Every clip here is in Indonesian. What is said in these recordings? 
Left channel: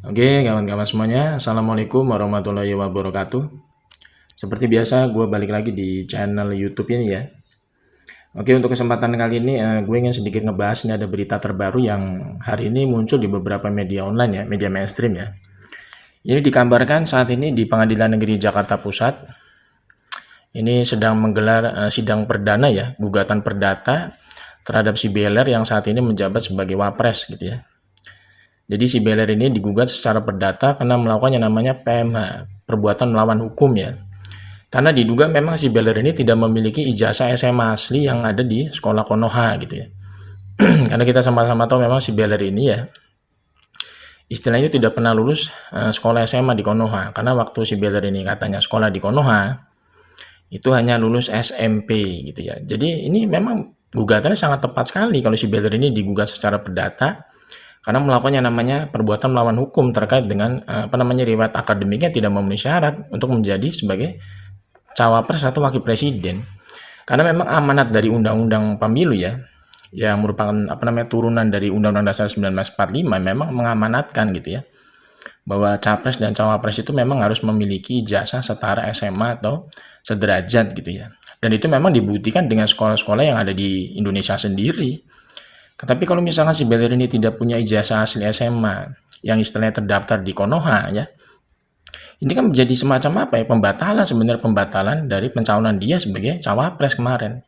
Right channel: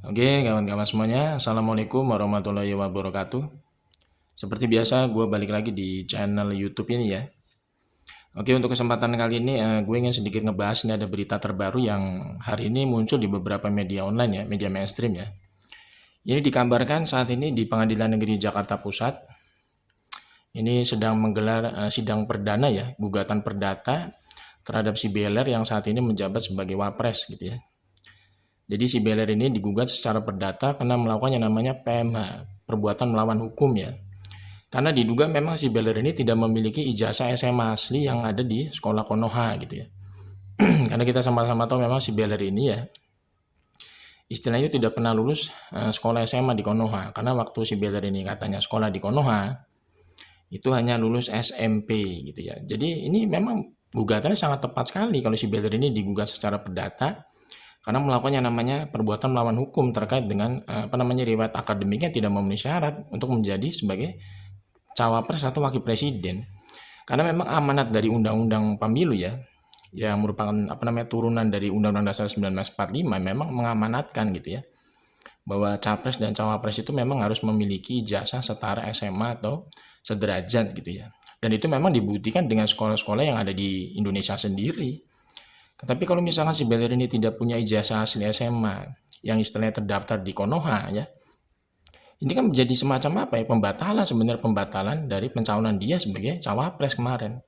Oke, kawan-kawan semuanya, Assalamualaikum warahmatullahi wabarakatuh. Seperti biasa, gue balik lagi di channel YouTube ini ya. Oke, untuk kesempatan kali ini, gue ingin sedikit ngebahas ini ada berita terbaru yang hari ini muncul di beberapa media online ya, media mainstream ya. Ini dikabarkan saat ini di Pengadilan Negeri Jakarta Pusat, ini sedang menggelar sidang perdana ya, gugatan perdata terhadap si Beler yang saat ini menjabat sebagai Wapres gitu ya. Jadi si Beler ini digugat secara perdata karena melakukan yang namanya PMH, perbuatan melawan hukum ya. Karena diduga memang si Beler ini tidak memiliki ijazah SMA asli yang ada di sekolah Konoha gitu ya. Karena kita sama-sama tahu memang si Beler ini ya istilahnya tidak pernah lulus sekolah SMA di Konoha. Karena waktu si Beler ini katanya sekolah di Konoha itu hanya lulus SMP gitu ya. Jadi ini memang gugatannya sangat tepat sekali kalau si Beler ini digugat secara perdata karena melakukan yang namanya perbuatan melawan hukum terkait dengan riwayat akademiknya tidak memenuhi syarat untuk menjadi sebagai cawapres atau wakil presiden. Karena memang amanat dari Undang-Undang Pemilu ya, yang merupakan turunan dari Undang-Undang Dasar 1945 memang mengamanatkan gitu ya, bahwa capres dan cawapres itu memang harus memiliki ijazah setara SMA atau sederajat gitu ya. Dan itu memang dibuktikan dengan sekolah-sekolah yang ada di Indonesia sendiri. Tetapi kalau misalkan si Beler ini tidak punya ijazah asli SMA yang istilahnya terdaftar di Konoha ya, ini kan menjadi semacam apa ya, pembatalan sebenarnya, pembatalan dari pencalonan dia sebagai cawapres kemarin.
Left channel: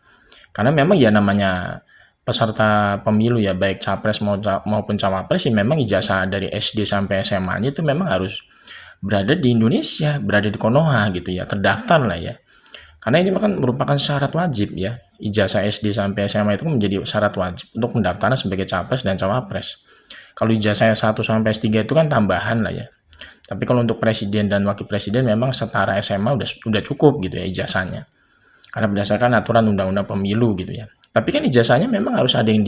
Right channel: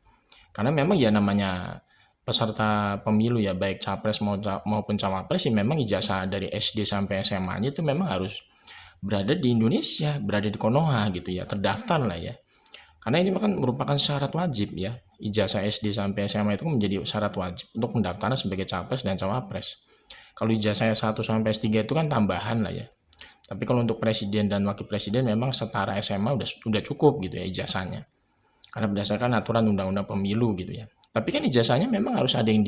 Karena memang ya namanya peserta pemilu ya, baik capres maupun cawapres ya memang ijazah dari SD sampai SMA-nya itu memang harus berada di Indonesia, berada di Konoha gitu ya, terdaftar lah ya. Karena ini kan merupakan syarat wajib ya. Ijazah SD sampai SMA itu menjadi syarat wajib untuk pendaftaran sebagai capres dan cawapres. Kalau ijazah S1 sampai S3 itu kan tambahan lah ya. Tapi kalau untuk presiden dan wakil presiden memang setara SMA udah cukup gitu ya ijazahnya. Karena berdasarkan aturan undang-undang pemilu gitu ya. Tapi kan ijazahnya memang harus ada yang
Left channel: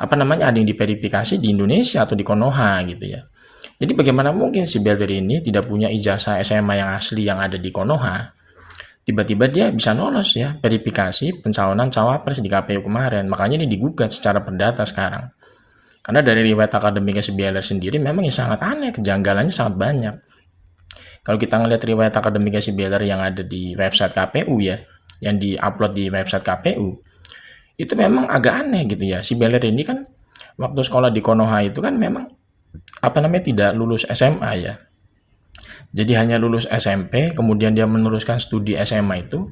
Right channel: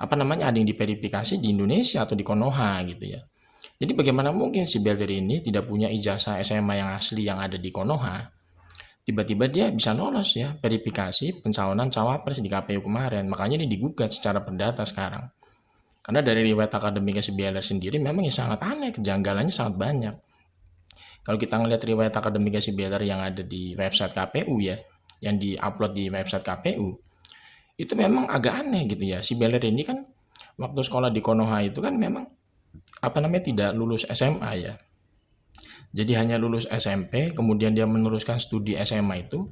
ada yang diverifikasi di Indonesia atau di Konoha gitu ya. Jadi bagaimana mungkin si Belder ini tidak punya ijazah SMA yang asli yang ada di Konoha, tiba-tiba dia bisa lolos ya verifikasi pencalonan cawapres di KPU kemarin. Makanya ini digugat secara perdata sekarang. Karena dari riwayat akademiknya si Beller sendiri memang ya sangat aneh, kejanggalannya sangat banyak. Kalau kita ngelihat riwayat akademiknya si Beller yang ada di website KPU ya, yang diupload di website KPU, itu memang agak aneh gitu ya. Si Beller ini kan waktu sekolah di Konoha itu kan memang tidak lulus SMA ya. Jadi hanya lulus SMP, kemudian dia meneruskan studi SMA itu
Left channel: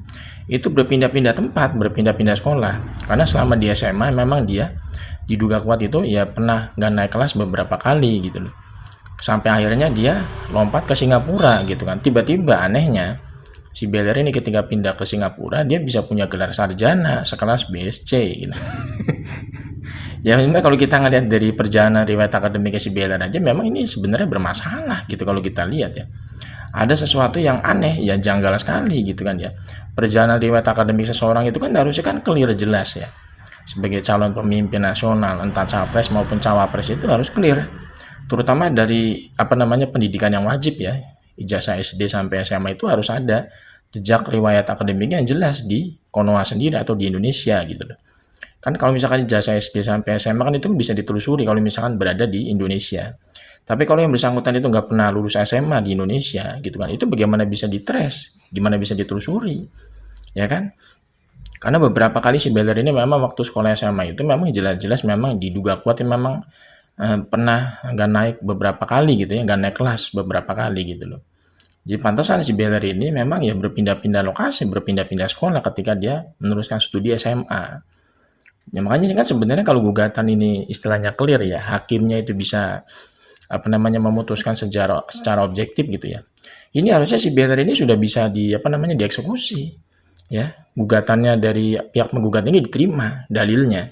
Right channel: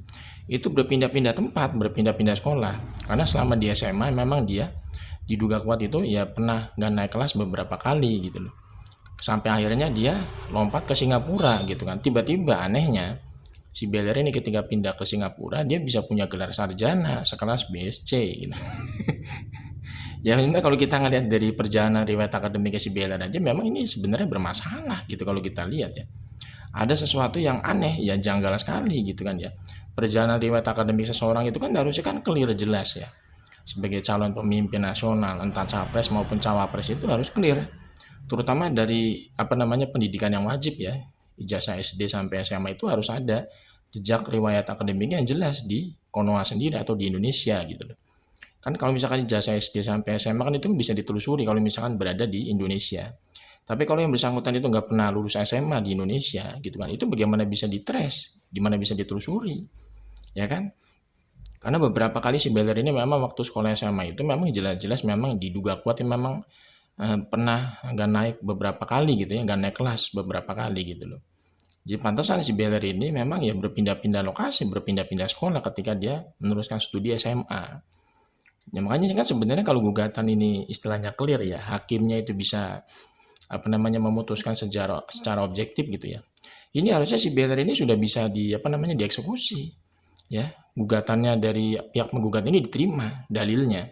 berpindah-pindah tempat, berpindah-pindah sekolah. Karena selama di SMA memang dia diduga kuat itu ya pernah nggak naik kelas beberapa kali gitu loh. Sampai akhirnya dia lompat ke Singapura gitu kan. Tiba-tiba anehnya si Beller ini ketika pindah ke Singapura dia bisa punya gelar sarjana sekelas BSc gitu. Ya sebenarnya kalau kita ngelihat dari perjalanan riwayat akademik si Beller aja memang ini sebenarnya bermasalah gitu kalau kita lihat ya. Ada sesuatu yang aneh, ya janggal sekali gitu kan ya. Perjalanan riwayat akademik seseorang itu kan harusnya kan clear jelas ya. Sebagai calon pemimpin nasional, entah capres maupun cawapres itu harus clear. Terutama dari pendidikan yang wajib ya. Ijazah SD sampai SMA itu harus ada jejak riwayat akademiknya yang jelas di Konoha sendiri atau di Indonesia gitu loh. Kan kalau misalkan ijazah SD sampai SMA kan itu bisa ditelusuri kalau misalkan berada di Indonesia. Tapi kalau yang bersangkutan itu nggak pernah lulus SMA di Indonesia gitu kan, itu bagaimana bisa ditres, gimana bisa ditelusuri, ya kan? Karena beberapa kali si Beller ini memang waktu sekolah SMA itu memang jelas-jelas memang diduga kuat yang memang pernah nggak naik beberapa kali gitu ya, nggak naik kelas beberapa kali gitu loh. Jadi pantasan si Beller ini memang ya berpindah-pindah lokasi, berpindah-pindah sekolah ketika dia meneruskan studi SMA. Ya makanya ini kan sebenarnya kalau gugatan ini istilahnya clear ya, hakimnya itu bisa memutuskan secara objektif gitu ya. Ini harusnya si Beller ini sudah bisa dieksekusi ya. Gugatannya dari pihak menggugat ini diterima dalilnya.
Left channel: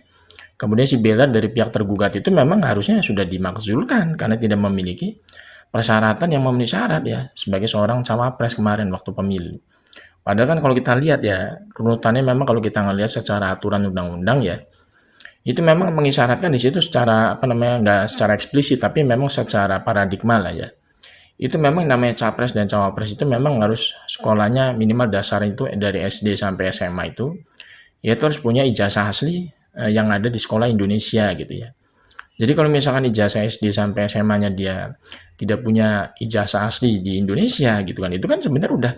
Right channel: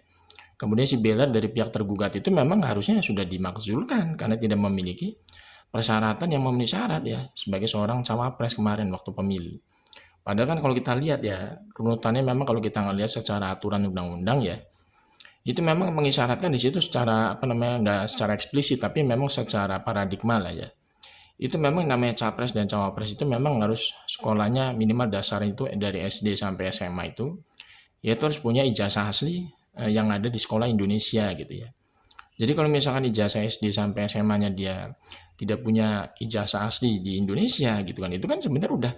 Kemudian si Beller dari pihak tergugat itu memang harusnya sudah dimakzulkan karena tidak memiliki persyaratan yang memenuhi syarat ya sebagai seorang cawapres kemarin waktu pemilu. Padahal kan kalau kita lihat ya runutannya memang kalau kita ngelihat secara aturan undang-undang ya itu memang mengisyaratkan di situ secara nggak secara eksplisit tapi memang secara paradigma lah ya. Itu memang namanya capres dan cawapres itu memang harus sekolahnya minimal dasar itu dari SD sampai SMA itu ya itu harus punya ijazah asli yang ada di sekolah Indonesia gitu ya. Jadi kalau misalkan ijazah SD sampai SMA-nya dia tidak punya ijazah asli di Indonesia gitu kan, itu kan sebenarnya udah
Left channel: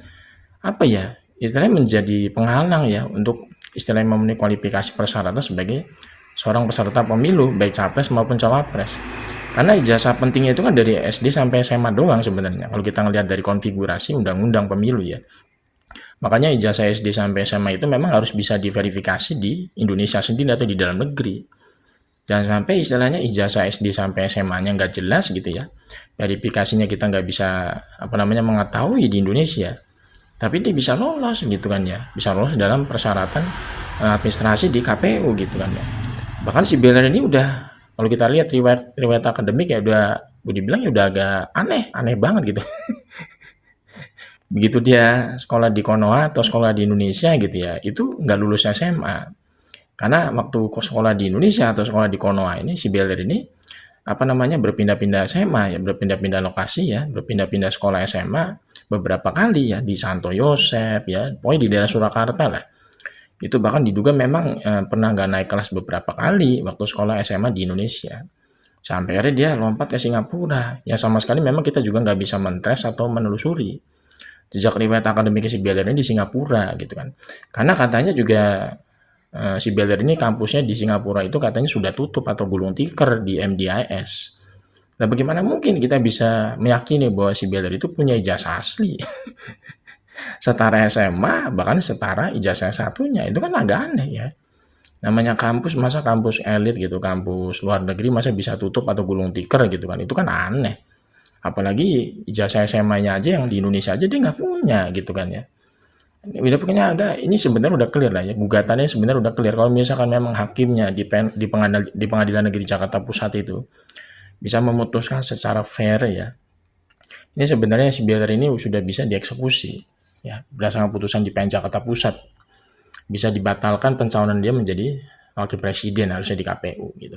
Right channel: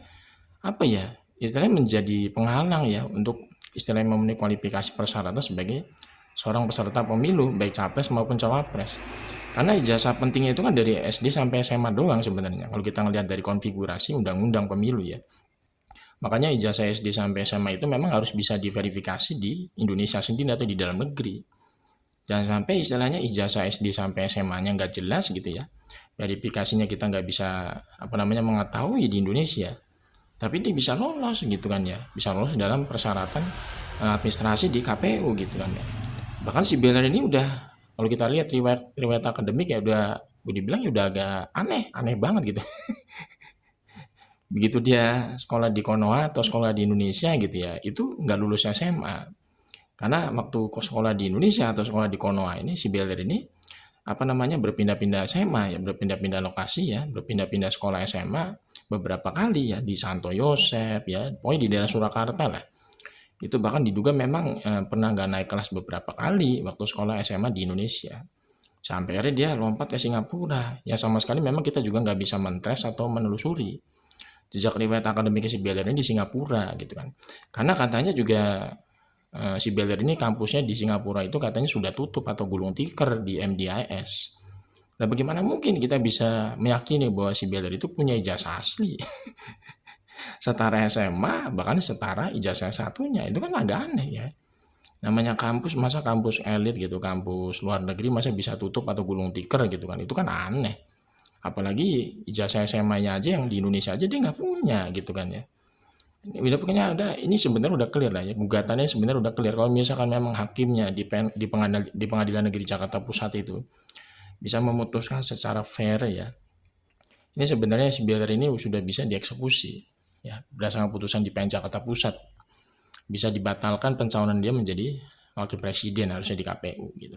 apa ya, istilahnya menjadi penghalang ya untuk istilahnya memenuhi kualifikasi persyaratan sebagai seorang peserta pemilu, baik capres maupun cawapres. Karena ijazah pentingnya itu kan dari SD sampai SMA doang sebenarnya. Kalau kita ngelihat dari konfigurasi undang-undang pemilu ya. Makanya ijazah SD sampai SMA itu memang harus bisa diverifikasi di Indonesia sendiri atau di dalam negeri. Jangan sampai istilahnya ijazah SD sampai SMA-nya nggak jelas gitu ya. Verifikasinya kita nggak bisa apa namanya mengetahui di Indonesia. Tapi dia bisa lolos gitu kan ya. Bisa lolos dalam persyaratan administrasi di KPU gitu kan ya. Bahkan si Beller ini udah kalau kita lihat riwayat akademik ya udah dibilang ya udah agak aneh banget gitu. Begitu dia sekolah di Konoha atau sekolah di Indonesia gitu ya, itu nggak lulus SMA. Karena waktu sekolah di Indonesia atau sekolah di Konoha ini si Beller ini apa namanya berpindah-pindah SMA ya, berpindah-pindah lokasi ya, berpindah-pindah sekolah SMA beberapa kali ya di Santo Yosef ya, pokoknya di daerah Surakarta lah. Itu bahkan diduga memang pernah nggak naik kelas beberapa kali waktu sekolah SMA di Indonesia. Sampai akhirnya dia lompat ke Singapura. Ya sama sekali memang kita juga nggak bisa mentres atau menelusuri jejak riwayat akademik si Beller ini di Singapura gitu kan. Karena katanya juga si Beller ini kampusnya di Singapura itu katanya sudah tutup atau gulung tikar di MDIS. Nah bagaimana mungkin kita bisa meyakini bahwa si Beller itu punya ijazah asli setara SMA bahkan setara ijazah satunya itu kan agak aneh ya. Namanya kampus masa kampus elit gitu, kampus luar negeri masa bisa tutup atau gulung tikar gitu kan, itu kan aneh. Apalagi ijazah SMA-nya aja yang di Indonesia aja dia nggak punya gitu kan ya. Udah pokoknya ada ini sebenarnya udah clear lah ya, gugatannya sebenarnya udah clear kalau misalkan memang hakimnya di Pengadilan Negeri Jakarta Pusat itu bisa memutuskan secara fair ya. Ini sebenarnya si Beller ini sudah bisa dieksekusi ya berdasarkan putusan di PN Jakarta Pusat. Bisa dibatalkan pencalonan dia menjadi wakil presiden harusnya di KPU gitu.